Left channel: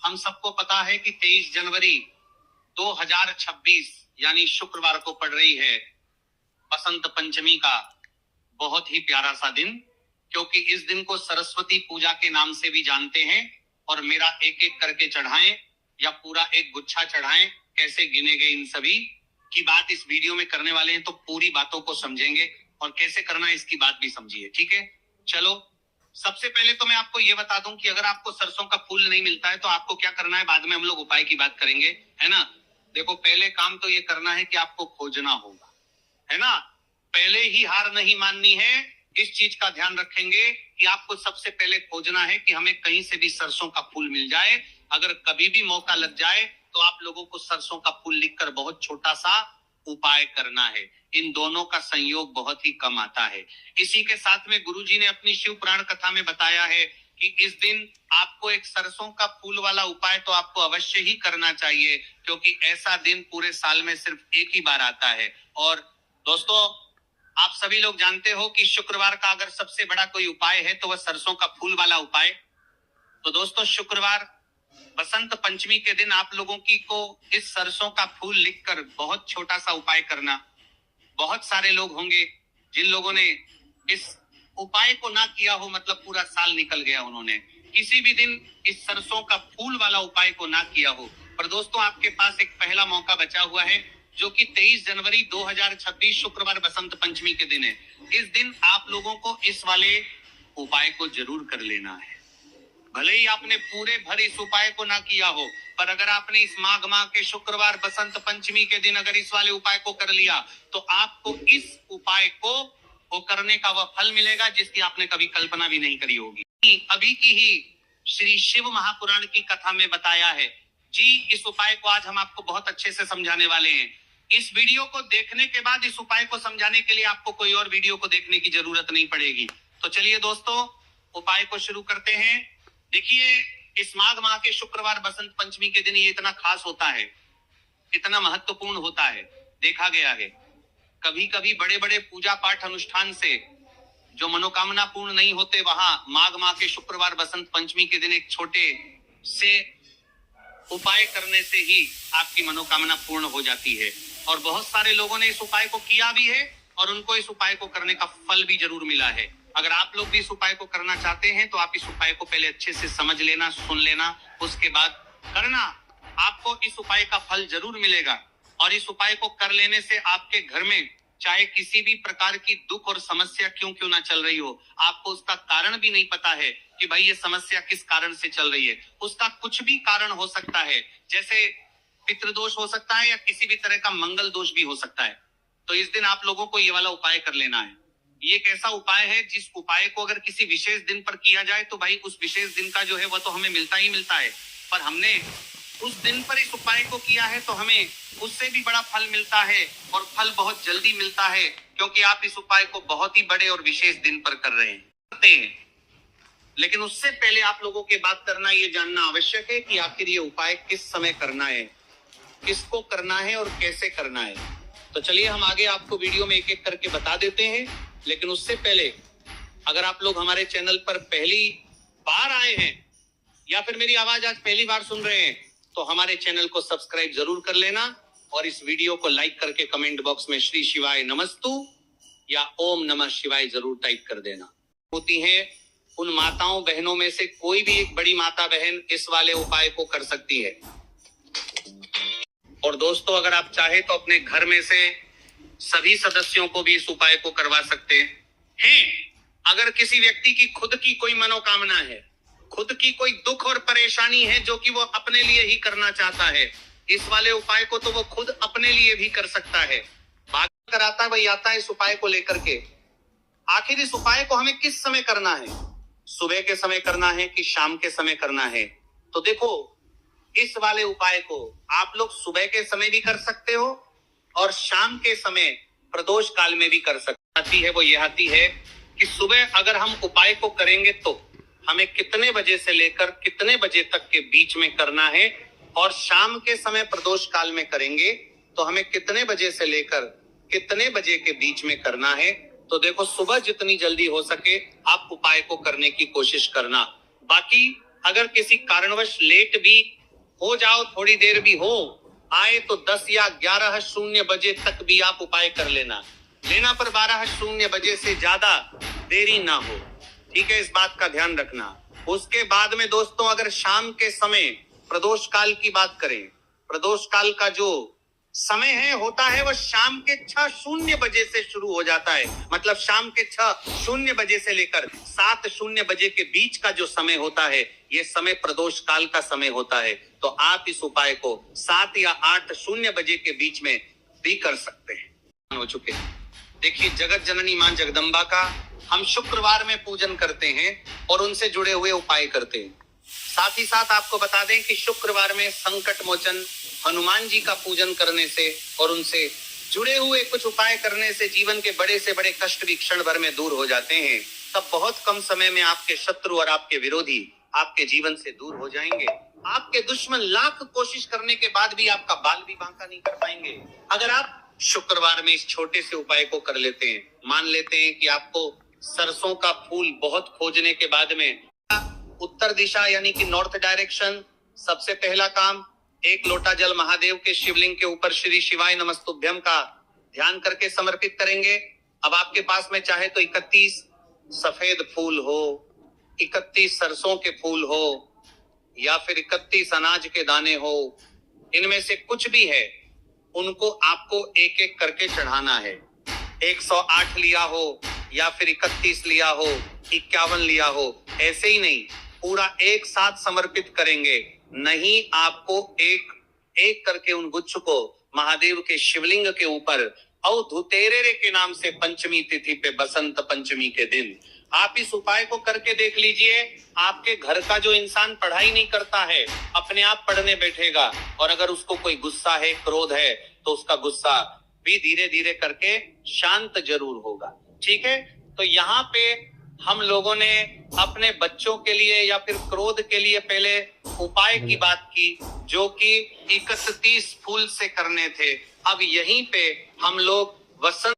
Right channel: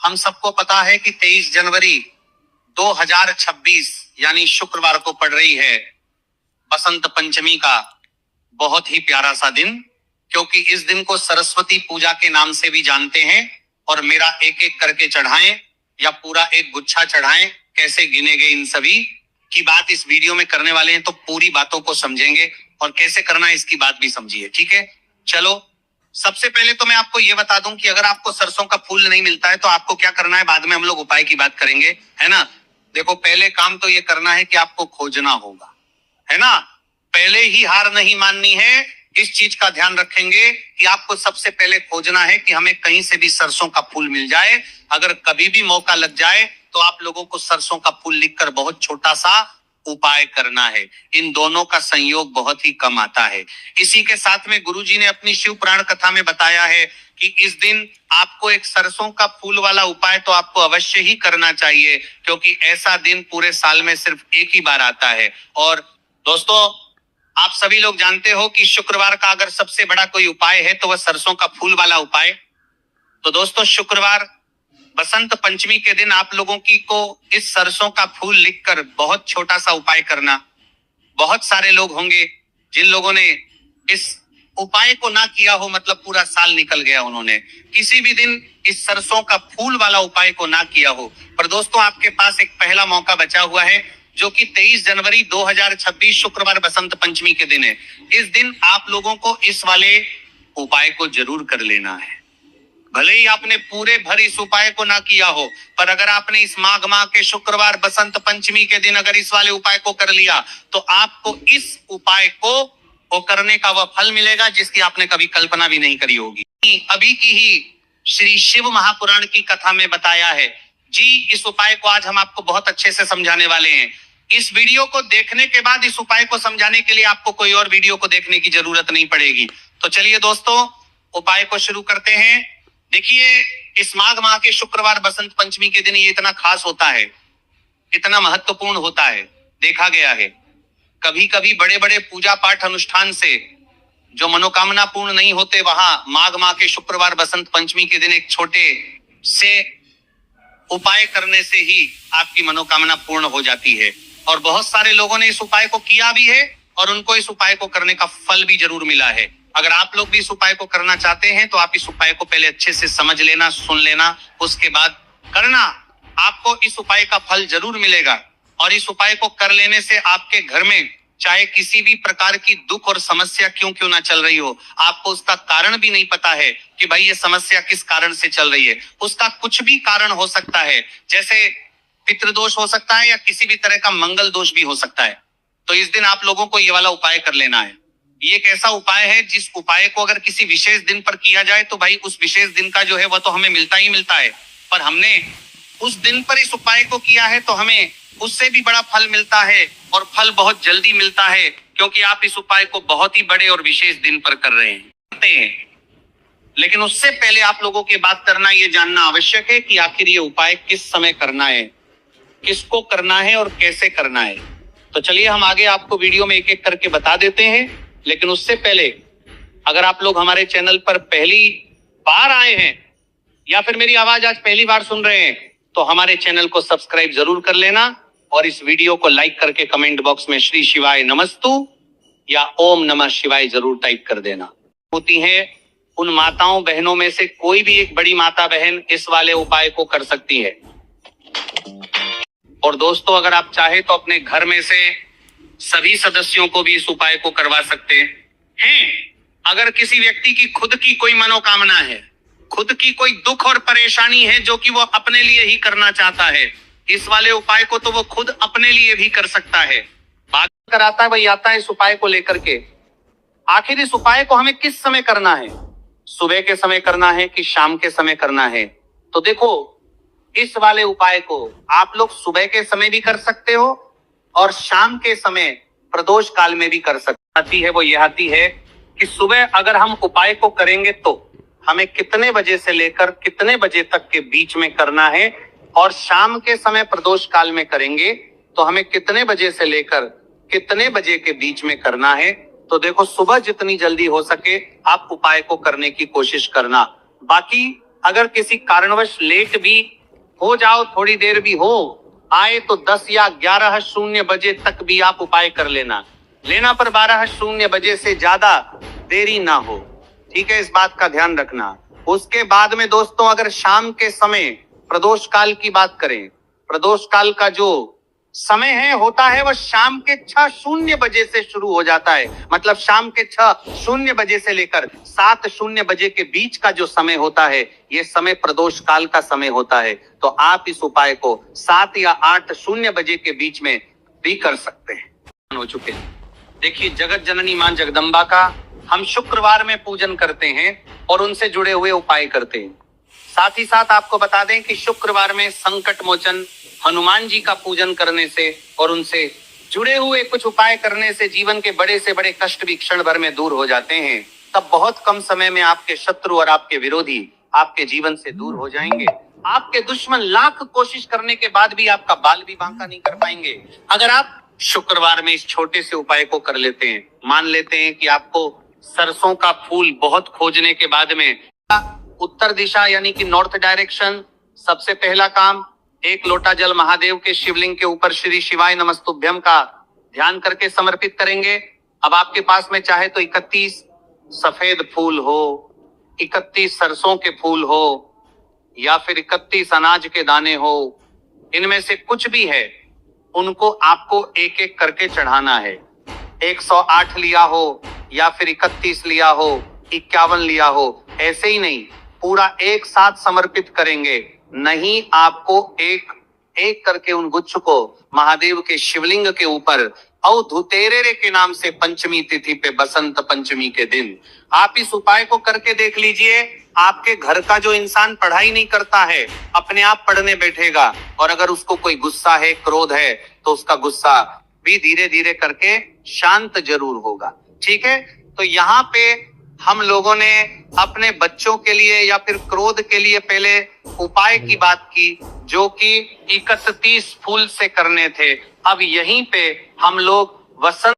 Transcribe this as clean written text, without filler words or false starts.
हम सबको पता है कि 23 जनवरी 2026 यानी शुक्रवार को पड़ रही है बसंत पंचमी का बहुत ही प्यारा सा दिन, क्योंकि इस दिन को सरस्वती पूजा के नाम से भी जानते हैं। और मेरा एक एक करके चढ़ाएं या पूरा एक गुच्छा चढ़ाएं, कैसे गिने गए इन सभी की बात इस वीडियो में करने वाले हैं, तो पूरी बातों को समझेंगे और कैसे करना है इसकी बात भी समझिए। ठीक है, चलो सबसे पहले तो मैं आपको ये बता दूं कि अगर आपको सरसों का फूल नहीं मिलता है तो आपको क्या करना है, बाद में हम लोग उपाय की बात करेंगे, है ना। देखो, पहले काम तो ये करना है कि आपको खोजना होगा, है ना। पहले ही हार नहीं माननी है, इस चीज का ध्यान रखेंगे कि आपको सबसे पहले खोजना है कि हमें कहीं से भी सरसों का फूल मिल जाए। अगर कभी भी मौका लग जाए तो आप लोगों को सरसों का फूल लिखकर बहुत छोटा सा उपाय करना है। इन दोनों का संयोग बहुत ही कम आता है। इसी के साथ में गुरुजी ने अपनी शिव पुराण कथा में बताया है कि इस दिन आपको एक सरसों का फूल वाला उपाय तो आपको अवश्य ही करना चाहिए, क्योंकि ऐसा दिन पूरे साल में सिर्फ एक ही बार आता है। और दोस्तों, आप सभी लोग जानते हो कि शुक्रवार का अगर सबसे बड़ा कोई उपाय है तो वह सरसों का फूल वाला उपाय। तो दोस्तों, शुक्रवार बसंत पंचमी के दिन आप लोगों की को इस सरसों का फूल लिखकर बहुत छोटा सा उपाय करना। बहुत सारे लोग होंगे जिन लोगों ने इस उपाय को ना किया हो, मतलब पूरा साल निकल गया, उन्होंने किसी भी दिन इस सरसों का फूल वाला उपाय को ना किया हो। पर दोस्तों, आपके पास एक पहला मौका बचा हुआ है, जो कि 23 जनवरी 2026 शुक्रवार बसंत पंचमी के दिन है। इस दिन आप लोगों को इस वाले उपाय को जरूर कर लेना है। भले ही आपने पूरे भर इस उपाय को ना किया हो, पर अगर आपने इस माघ माह के शुक्रवार बसंत पंचमी के दिन अगर इस वाले उपाय को कर लिया तो आपको इस उपाय को करने का वह फल मिलेगा जिसकी आपने कभी कल्पना भी नहीं करी होगी। अभी की ही श्री शिव महापुराण की कथा में बताया है जी। इस उपाय को आज हम आपको बहुत अच्छे से समझाने वाले हैं। इस वीडियो को देखने के बाद इस उपाय को समझाने के लिए आपको कोई और वीडियो को देखने की जरूरत नहीं पड़ेगी। तो चलिए दोस्तों, उपाय को शुरू करते हैं। देखिए, इस माघ माह के शुक्रवार बसंत पंचमी के दिन ये इतना खास होता है, इतना महत्वपूर्ण होता है, देखा गया है कभी कभी बड़े बड़े पूजा पाठ अनुष्ठान से जो मनोकामना पूर्ण नहीं होते, वहां माघ माह के शुक्रवार बसंत पंचमी के दिन एक छोटे से उपाय करने से ही आपकी मनोकामना पूर्ण हो जाती है। और बहुत सारे लोगों ने इस उपाय को किया भी है और उनको इस उपाय को करने का फल भी जरूर मिला है। अगर आप लोग भी इस उपाय को करना चाहते हैं तो आप इस उपाय को पहले अच्छे से समझ लेना, सुन लेना, उसके बाद करना। आपको इस उपाय का फल जरूर मिलेगा। और इस उपाय को कर लेने से आपके घर में चाहे किसी भी प्रकार की दुख और समस्या क्यों ना चल रही हो, आपको उसका कारण भी नहीं पता है कि भाई ये समस्या किस कारण से चल रही है। उसका कुछ भी कारण हो सकता है, जैसे पितृदोष हो सकता है या किसी भी तरह का मंगल दोष भी हो सकता है। तो इस दिन आप लोगों को ये वाला उपाय कर लेना है। ये एक ऐसा उपाय है जिस उपाय को अगर किसी विशेष दिन पर किया जाए तो भाई उस विशेष दिन का जो है वह तो हमें मिलता ही मिलता है, पर हमने उस दिन पर इस उपाय को किया है तो हमें उससे भी बड़ा फल मिलता है, और फल बहुत जल्दी मिलता है, क्योंकि आप इस उपाय को बहुत ही बड़े और विशेष दिन पर कर रहे हैं। लेकिन उससे पहले आप लोगों की बात करना, ये जानना आवश्यक है कि आखिर ये उपाय किस समय करना है, किसको करना है और कैसे करना है। तो चलिए हम आगे आपको वीडियो में एक एक करके बता देते हैं। लेकिन उससे पहले अगर आप लोग हमारे चैनल पर पहली बार आए हैं या फिर मेरी आवाज आज पहली बार सुन रहे हैं तो हमारे चैनल को सब्सक्राइब जरूर कर लेना और इस वीडियो को लाइक करके कमेंट बॉक्स में श्री शिवाय नमस्तु या ओम नमः शिवाय जरूर टाइप कर देना। होती है उन माताओं बहनों में से कोई भी एक बड़ी माता बहन इस वाले उपाय को कर सकती है। और दोस्तों, अगर आप चाहे तो अपने घर में से सभी सदस्यों को भी इस उपाय को करवा सकते हैं। अगर किसी व्यक्ति की खुद की कोई मनोकामना है, खुद की कोई दुख और परेशानी है जो कि वो अपने लिए ही करना चाहता है, इस वाले उपाय को तो वो खुद अपने लिए भी कर सकता है। बात कराता है वही आता है इस उपाय को लेकर के। आखिर इस उपाय को हमें किस समय करना है, सुबह के समय करना है कि शाम के समय करना है? तो देखो, इस वाले उपाय को आप लोग सुबह के समय भी कर सकते हो और शाम के समय प्रदोष काल में भी कर सकते। आती है वो ये आती है कि सुबह अगर हम उपाय को करेंगे तो हमें कितने बजे से लेकर कितने बजे तक के बीच में करना है, और शाम के समय प्रदोष काल में करेंगे तो हमें कितने बजे से लेकर कितने बजे के बीच में करना है। तो देखो, सुबह जितनी जल्दी हो सके आप उपाय को करने की कोशिश करना। बाकी अगर किसी कारणवश लेट भी हो जाओ, थोड़ी देर भी हो आए, तो 10 या 11:00 बजे तक भी आप उपाय कर लेना पर 12:00 बजे से ज्यादा देरी ना हो। ठीक है, इस बात का ध्यान रखना। उसके बाद में दोस्तों, अगर शाम के समय प्रदोष काल की बात करें, प्रदोष काल का जो समय होता है वह शाम के 6:00 बजे से शुरू हो जाता है। मतलब शाम के 6:00 बजे से लेकर 7:00 बजे के बीच का जो समय होता है, ये समय प्रदोष काल का समय होता है। तो आप इस उपाय को 7 या 8:00 बजे के बीच में भी कर सकते हैं। हो चुके हैं। देखिए, जगत जननी मां जगदम्बा का हम शुक्रवार में पूजन करते हैं और उनसे जुड़े हुए उपाय करते हैं। साथ ही साथ आपको बता दें कि शुक्रवार में संकट मोचन हनुमान जी का पूजन करने से और उनसे जुड़े हुए कुछ उपाय करने से जीवन के बड़े से बड़े कष्ट भी क्षण भर में दूर हो जाते हैं। तब बहुत कम समय में आपके शत्रु और आपके विरोधी आपके जीवन से दूर हो जाएंगे। आपके दुश्मन लाख कोशिश करने के बाद भी आपका बाल भी बांका नहीं कर पाएंगे। अगर आप शुक्रवार में इस छोटे से उपाय को कर लेते हैं, मान लेते हैं कि आपको सरसों का फूल बहुत खोजने के बाद में उत्तर दिशा यानी कि नॉर्थ डायरेक्शन, सबसे पहला काम 1 लोटा जल महादेव के शिवलिंग के ऊपर श्री शिवाय नमस्तुभ्यम का ध्यान करके समर्पित करेंगे। अब आपके पास में चाहे तो 31 सफेद फूल हो, 31 सरसों के फूल हो, या फिर 31 अनाज के दाने हो, इनमें से कुछ भी है, उनको आपको एक एक करके चढ़ाना है। 108 लिया हो या फिर 31 लिया हो, 51 लिया हो, ऐसे ही नहीं, पूरा एक साथ समर्पित करेंगे। नहीं, आपको एक एक करके उन गुच्छ को महादेव के शिवलिंग के ऊपर धुतेरे के नाम से पंचमी तिथि पे बसंत पंचमी के दिन आप इस उपाय को करके देख लीजिए। आपके घर का जो इंसान पढ़ाई नहीं करता है, अपने आप पढ़ने बैठेगा, और अगर उसको कोई गुस्सा है, क्रोध है, तो उसका गुस्सा भी धीरे धीरे करके शांत जरूर होगा। ठीक है, तो यहाँ पे हम लोगों ने अपने बच्चों के लिए या फिर क्रोध के लिए पहले उपाय की बात की, जो कि 31 फूल से करने थे। अब यहीं पे हम लोग वसंत